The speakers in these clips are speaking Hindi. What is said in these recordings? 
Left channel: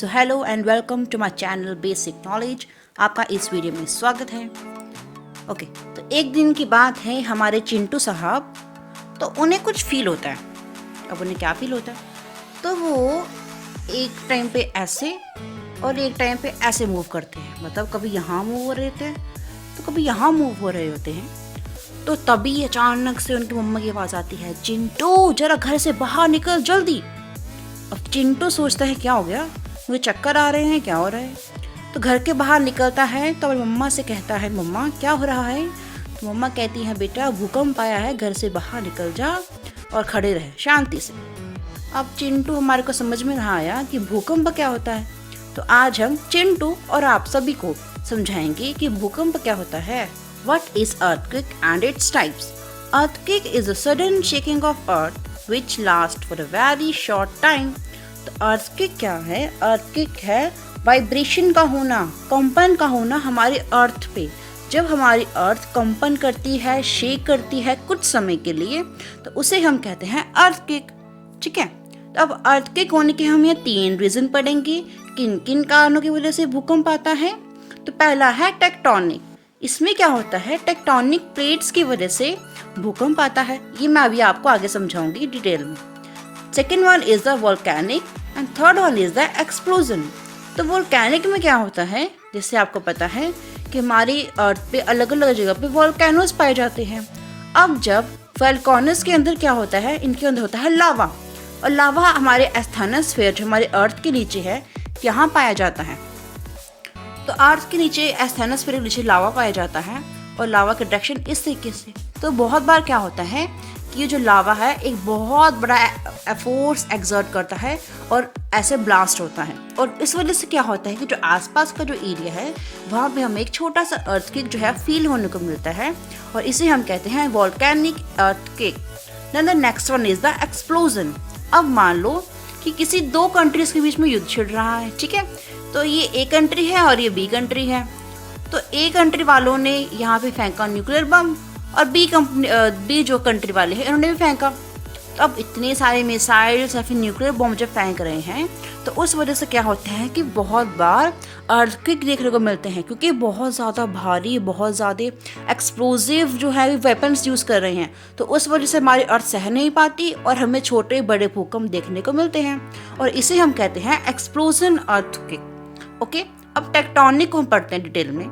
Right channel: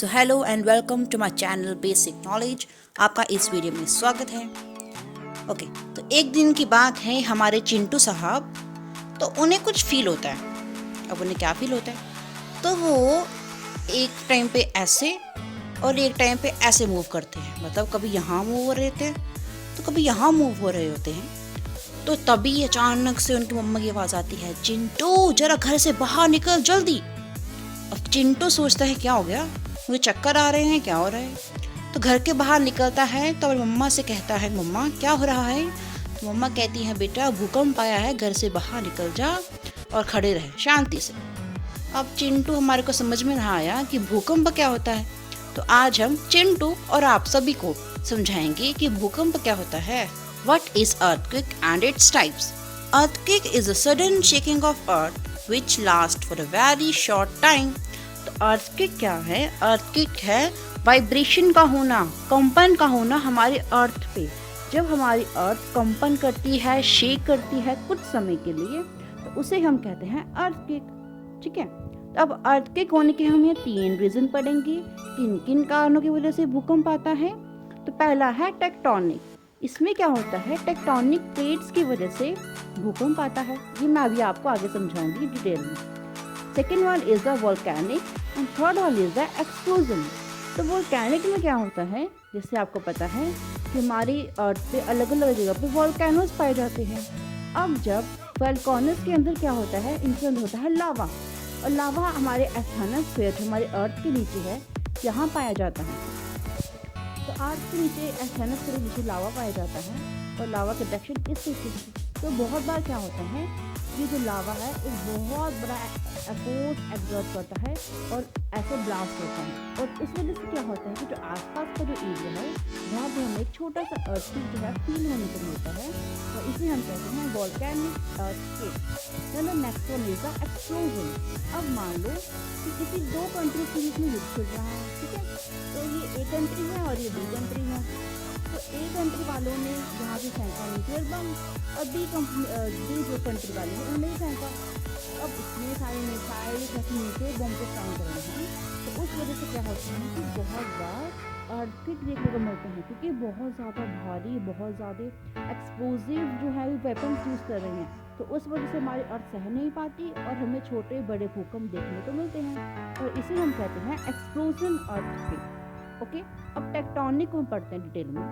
So hello and welcome to my channel basic knowledge. आपका इस वीडियो में स्वागत है। ओके, तो एक दिन की बात है, हमारे चिंटू साहब, तो उन्हें कुछ फील होता है। अब उन्हें क्या फील होता है, तो वो एक टाइम पे ऐसे और एक टाइम पे ऐसे मूव करते हैं। मतलब कभी यहाँ मूव हो रहे होते हैं तो कभी यहाँ मूव हो रहे होते हैं। तो तभी अचानक से उनकी मम्मा की आवाज़ आती है, चिंटू जरा घर से बाहर निकल जल्दी। अब चिंटू सोचता है क्या हो गया, मुझे चक्कर आ रहे हैं, क्या हो रहा है। तो घर के बाहर निकलता है तो मम्मा से कहता है, मम्मा क्या हो रहा है। तो मम्मा कहती है, बेटा भूकंप आया है, घर से बाहर निकल जा और खड़े रहे शांति से। अब चिंटू हमारे को समझ में ना आया कि भूकंप क्या होता है, तो आज हम चिंटू और आप सभी को समझाएंगे कि भूकंप क्या होता है। What is earthquake and its types? Earthquake is a sudden shaking of earth which lasts for a very short time. तो earthquake क्या है? earthquake है वाइब्रेशन का होना, कंपन का होना हमारी अर्थ पे। जब हमारी अर्थ कंपन करती है, शेक करती है कुछ समय के लिए, तो उसे हम कहते हैं earthquake। ठीक है, तो अब earthquake होने के हम ये 3 रीजन पढ़ेंगे, किन किन कारणों की वजह से भूकंप आता है। तो पहला है टेक्टोनिक। इसमें क्या होता है, टेक्टोनिक प्लेट्स की वजह से भूकंप आता है। ये मैं अभी आपको आगे समझाऊंगी डिटेल में। Second one is the volcanic and third one is the explosion. तो वोल्केनिक में क्या होता है, जैसे आपको पता है कि हमारी अर्थ पे अलग अलग जगह पे वोल्केनोस पाए जाते हैं। अब जब वोल्केनोस के अंदर क्या होता है, इनके अंदर होता है लावा, और लावा हमारे एस्थेनोस्फीयर जो हमारे अर्थ के नीचे है यहाँ पाया जाता है। तो अर्थ के नीचे एस्थेनोस्फीयर के नीचे लावा पाया जाता है, और लावा के डायरेक्शन इस तरीके से। तो बहुत बार क्या होता है कि ये जो लावा है एक बहुत बड़ा फोर्स एक्सर्ट करता है और ऐसे ब्लास्ट होता है, और इस वजह से क्या होता है कि जो आसपास का जो एरिया है वहाँ पे हमें एक छोटा सा अर्थक्वेक जो है फील होने को मिलता है, और इसे हम कहते हैं volcanic earthquake. Then the next one is the explosion. अब मान लो कि किसी 2 कंट्रीज के बीच में युद्ध छिड़ रहा है, ठीक है। तो ये ए कंट्री है और ये बी कंट्री है। तो ए कंट्री वालों ने यहाँ पे फेंका न्यूक्लियर बम, और बी जो कंट्री वाले हैं इन्होंने भी फेंका। तो अब इतने सारे मिसाइल्स या फिर न्यूक्लियर बम जब फेंक रहे हैं, तो उस वजह से क्या होता है कि बहुत बार अर्थक्वेक देखने को मिलते हैं, क्योंकि बहुत ज़्यादा भारी, बहुत ज़्यादा एक्सप्लोजिव जो है वेपन्स यूज़ कर रहे हैं। तो उस वजह से हमारी अर्थ सह नहीं पाती और हमें छोटे बड़े भूकंप देखने को मिलते हैं, और इसे हम कहते हैं एक्सप्लोजन अर्थक्वेक। ओके, अब टेक्टोनिक को हम पढ़ते हैं डिटेल में।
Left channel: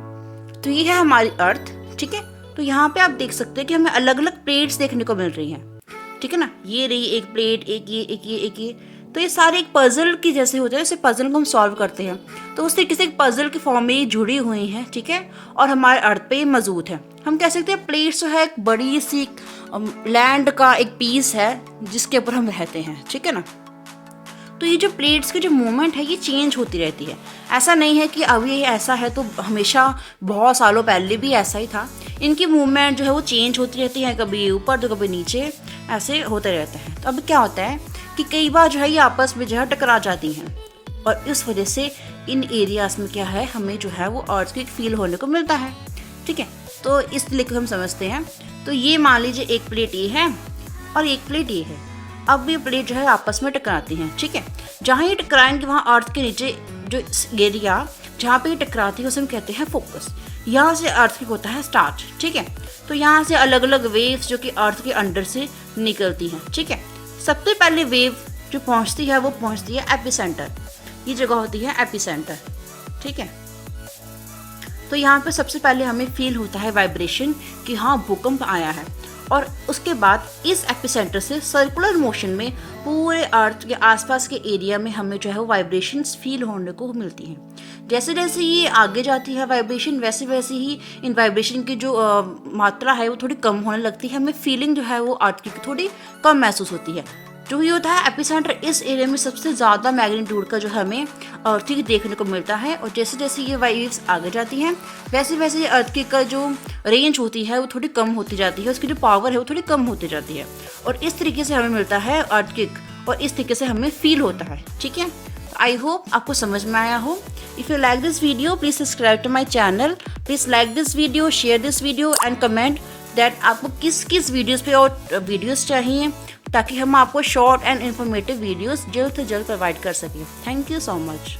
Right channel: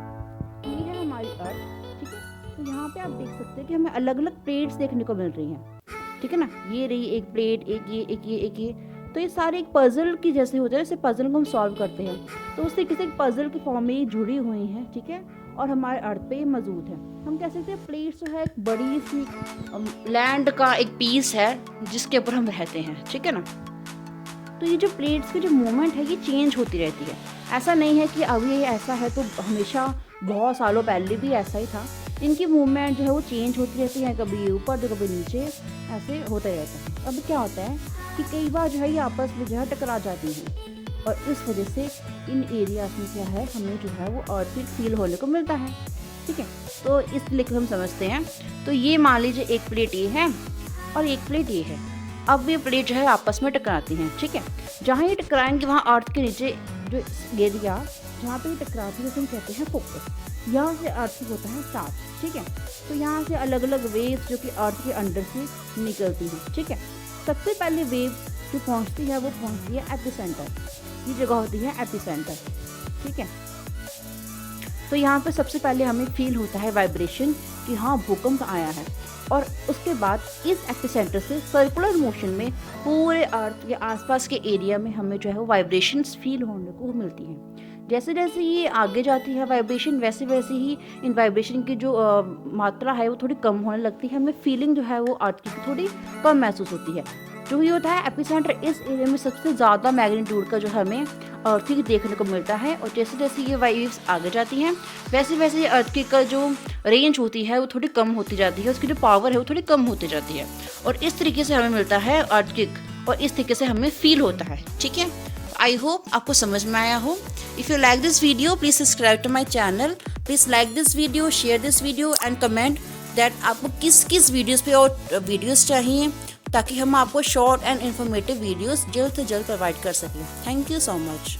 तो ये है हमारी अर्थ, ठीक है। तो यहाँ पे आप देख सकते हैं कि हमें अलग अलग प्लेट्स देखने को मिल रही हैं, ठीक है ना। ये रही एक प्लेट, एक ये, एक ये, एक ये। तो ये सारे एक पजल की जैसे होते हैं, जैसे पजल को हम सॉल्व करते हैं, तो उस तरीके से एक पजल के फॉर्म में ये जुड़ी हुई हैं, ठीक है। और हमारे अर्थ पे ये मौजूद है। हम कह सकते हैं प्लेट्स जो है एक बड़ी सी लैंड का एक पीस है जिसके ऊपर हम रहते हैं, ठीक है ना। तो ये जो प्लेट्स की जो मूवमेंट है ये चेंज होती रहती है। ऐसा नहीं है कि अभी ऐसा है तो हमेशा बहुत सालों पहले भी ऐसा ही था। इनकी मूवमेंट जो है वो चेंज होती रहती है, कभी ऊपर तो कभी नीचे, ऐसे होते रहते हैं। तो अब क्या होता है कि कई बार जो है ये आपस में जो है टकरा जाती हैं, और इस वजह से इन एरियाज में क्या है, हमें जो है वो अर्थक्वेक फील होने को मिलता है, ठीक है। तो इसलिए हम समझते हैं। तो ये मान लीजिए एक प्लेट ये है और एक प्लेट ये है। अब ये प्लेट जो है आपस में टकराती हैं, ठीक है। जहाँ ये टकराएंगे वहाँ अर्थ के नीचे जो एरिया जहाँ पे ये टकराती है उसे हम कहते हैं फोकस। यहाँ से अर्थक्वेक होता है स्टार्ट, ठीक है। तो यहाँ से अलग अलग वेव्स जो कि अर्थ के अंडर से निकलती हैं, ठीक है। सबसे पहले वेव जो पहुँचती है वो पहुँचती है एपिसेंटर। ये जगह होती है एपिसेंटर, ठीक है। तो यहाँ पे सबसे पहले हमें फील होता है वाइब्रेशन कि हाँ भूकंप आया है, और उसके बाद इस एपिसेंटर से सर्कुलर मोशन में पूरे अर्थ के आसपास के एरिया में हमें जो है वो वाइब्रेशंस फील होने को मिलती हैं। जैसे जैसे ये आगे जाती है वाइब्रेशन, वैसे वैसे ही इन वाइब्रेशन की जो मात्रा है वो थोड़ी कम होने लगती है। हमें फीलिंग जो है वो अर्थ की थोड़ी कम महसूस होती है। जो ये होता है एपिसेंटर, इस एरिया में सबसे ज़्यादा मैग्नीट्यूड का जो हमें अर्थक्वेक देखने को मिलता है, और जैसे जैसे ये वेव्स आगे जाती हैं वैसे वैसे अर्थक्वेक का जो रेंज होती है वो थोड़ी कम होती जाती है, उसकी जो पावर है वो थोड़ी कम होती जाती है, और इस तरीके से हमें मिलता है अर्थक्वेक, और इस तरीके से हमें फील होता है, ठीक है। आई होप आपको समझ में आया हो। If you like this video please subscribe to my channel, please like this video, share this video and comment that आपको किस किस वीडियोज़ पे और वीडियोज़ चाहिए, ताकि हम आपको शॉर्ट एंड इन्फॉर्मेटिव वीडियोस जल्द से जल्द प्रोवाइड कर सकें। Thank you so much.